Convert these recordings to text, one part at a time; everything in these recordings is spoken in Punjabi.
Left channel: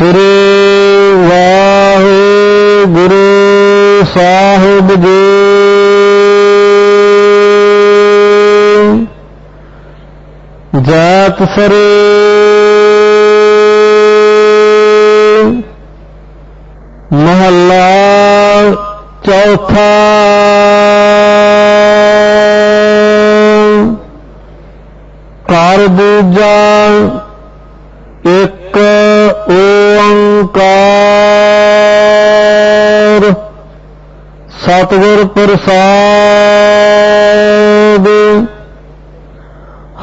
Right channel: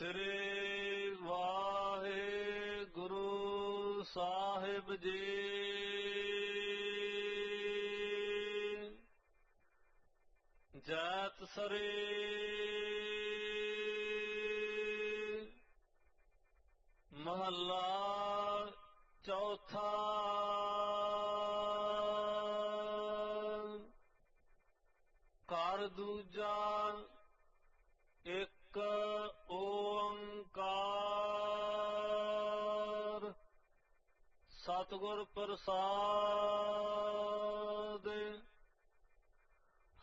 ਸ੍ਰੀ ਵਾਹਿਗੁਰੂ ਸਾਹਿਬ ਜੀ। ਜਾਤ ਸਰੇ ਮਹੱਲਾ ਚੌਥਾ ਕਰ ਦੂਜਾ ਇੱਕ ਸਤਿਗੁਰ ਪ੍ਰਸਾਦ।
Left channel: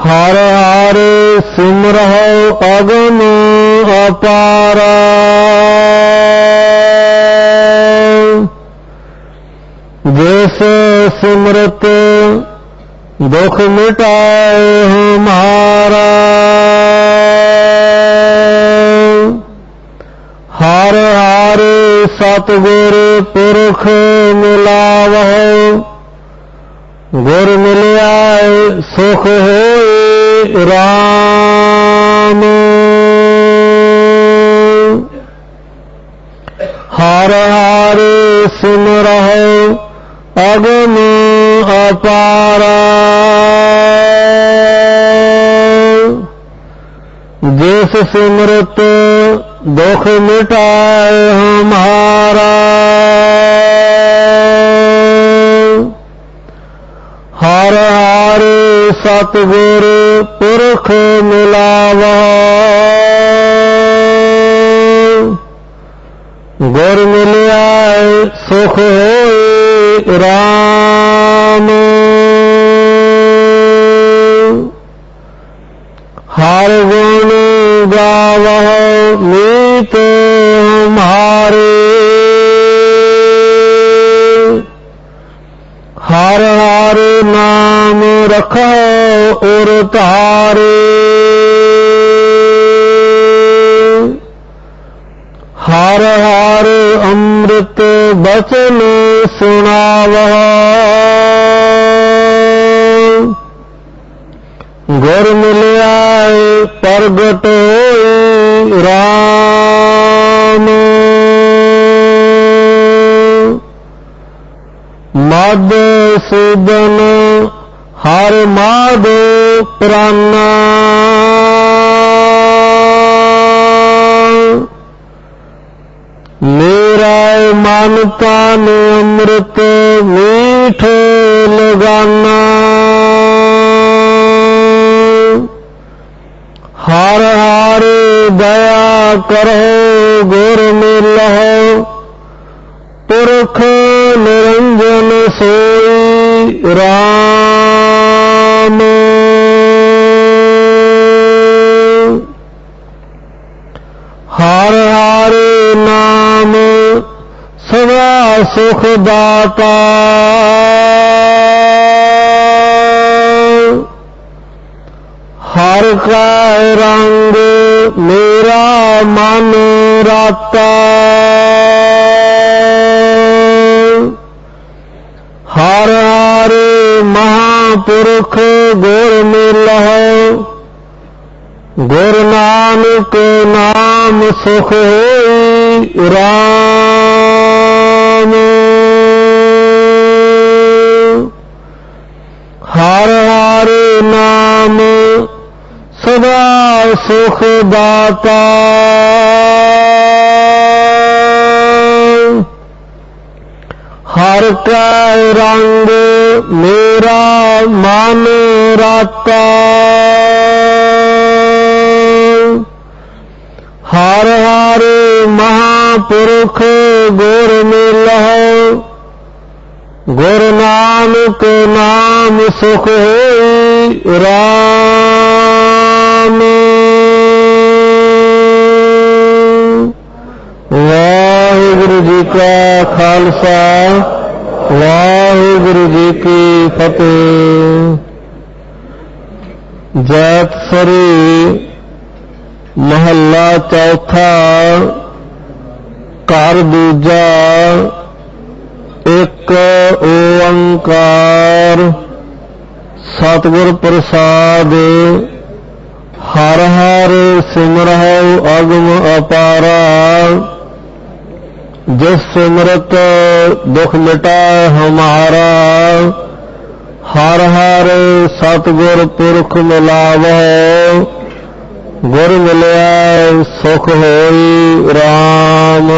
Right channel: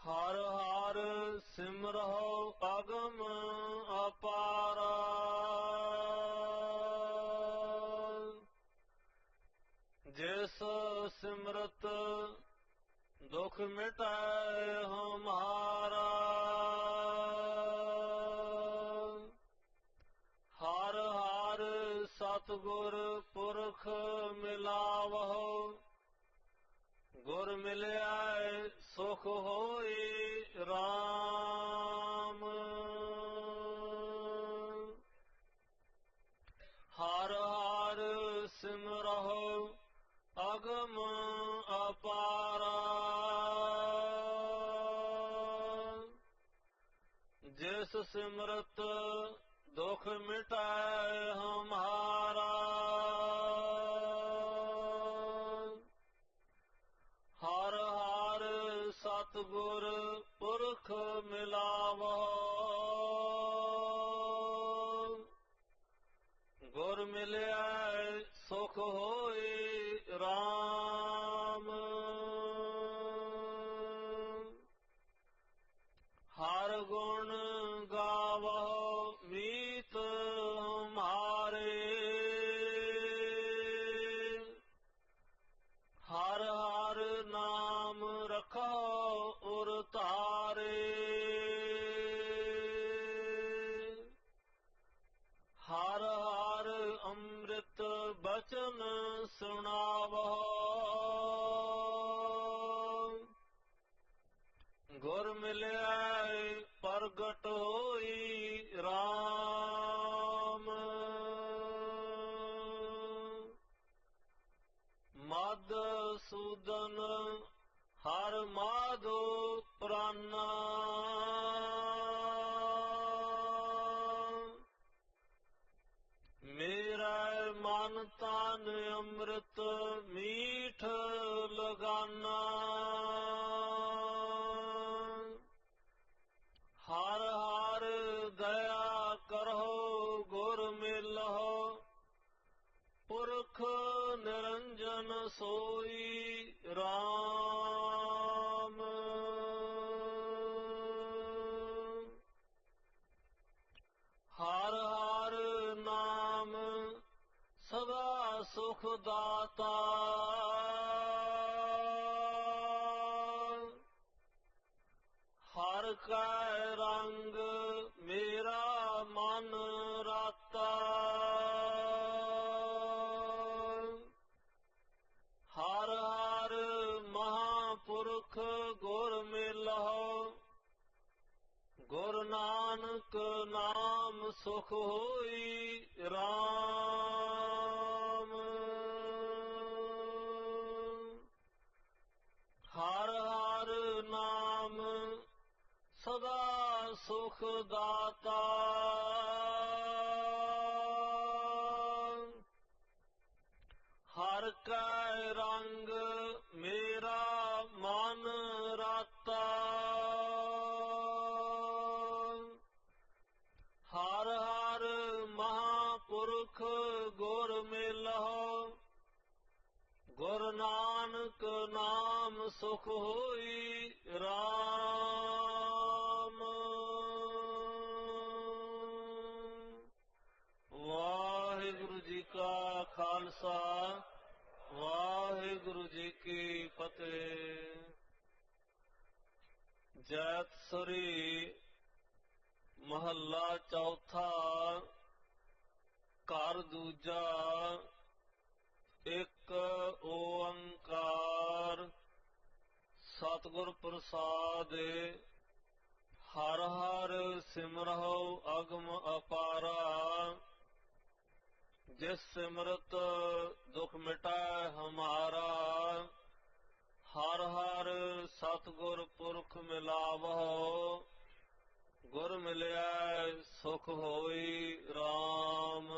ਹਰ ਹਰ ਸਿਮਰਹੁ ਅਗਮ ਅਪਾਰਾ। ਜਿਸ ਸਿਮਰਤ ਦੁਖ ਮਿਟਾਏ ਹਮਾਰਾ ਹਰ ਹਰ ਸਤਿਗੁਰ ਗੁਰ ਮਿਲਿਆ ਸੁਖ ਹੋਏ ਰਾਮ। ਹਰ ਹਰ ਸਿਮਰਹੁ ਅਗਮ ਅਪਾਰਾ। ਜਿਸ ਸਿਮਰਤ ਦੁਖ ਮਿਟਾਏ ਹਮਾਰਾ। ਹਰ ਹਰ ਸਤਿਗੁਰ ਪੁਰਖ ਮਿਲਾਵਾ। ਗੁਰ ਮਿਲਿਆ ਸੁਖ ਹੋਏ ਰਾਮ। ਹਰ ਗੁਣ ਗਾਵਹੁ, ਮੀਤ ਹਮਾਰੇ ਨਾਮ ਉਰ ਧਾਰੇ ਹਰ ਹਰ ਅੰਮ੍ਰਿਤ ਬਚਨ ਸੁਣਾਵਹੁ। ਗੁਰ ਮਿਲਿਆ ਪ੍ਰਗਟ ਹੋਈ RAM ਮਦ ਸੂਦਨ ਹਰ ਮਾਦ ਪ੍ਰਾਨਾ। ਮੇਰਾ ਮਨ ਤਨ ਅੰਮ੍ਰਿਤ ਮੀਠ ਲਗਾਨਾ। ਹਰ ਹਰ ਦਇਆ ਕਰੋ, ਗੁਰ ਮਿਲਹੁ ਸੁਖ ਦਾਤਾ ਹਰ ਕਾ ਰੰਗ ਮੇਰਾ ਮਨ ਰਾਤਾ। ਹਰ ਹਰ ਮਹਾਪੁਰਖ ਗੁਰ ਮਿਲਹੁ। ਗੁਰ ਨਾਨਕ ਨਾਮ ਸੁਖ ਹੋਈ RAM ਸੁਖ ਦਾਤਾ। ਹਰ ਕਾ ਰੰਗ ਮੇਰਾ ਮਨ ਰਾਤਾ। ਹਰ ਹਰ ਮਹਾਪੁਰਖ ਗੁਰ ਮਿਲਹੁ। ਗੁਰ ਨਾਨਕ ਨਾਮ ਸੁਖ ਹੋਈ RAM ਵਾਹਿਗੁਰੂ ਜੀ ਕਾ ਖਾਲਸਾ, ਵਾਹਿਗੁਰੂ ਜੀ ਕੀ ਫਤਿਹ। ਜੈਤ ਸਰੀ, ਮਹੱਲਾ ਚੌਥਾ, ਘਰ ਦੂਜਾ, ਇੱਕ ਓੰਕਾਰ। ਸਤਿਗੁਰ ਪ੍ਰਸਾਦ, ਹਰ ਹਰ ਸਿਮਰਹੁ, ਅਗਮ ਅਪਾਰਾ। ਜਿਸ ਸਿਮਰਤ ਦੁਖ ਮਿਟਾਏ ਹਮਾਰਾ, ਹਰ ਹਰ ਸਤਿਗੁਰ ਪੁਰਖ ਮਿਲਾਵੋ। ਗੁਰ ਮਿਲਿਆ ਸੁਖ ਹੋਈ RAM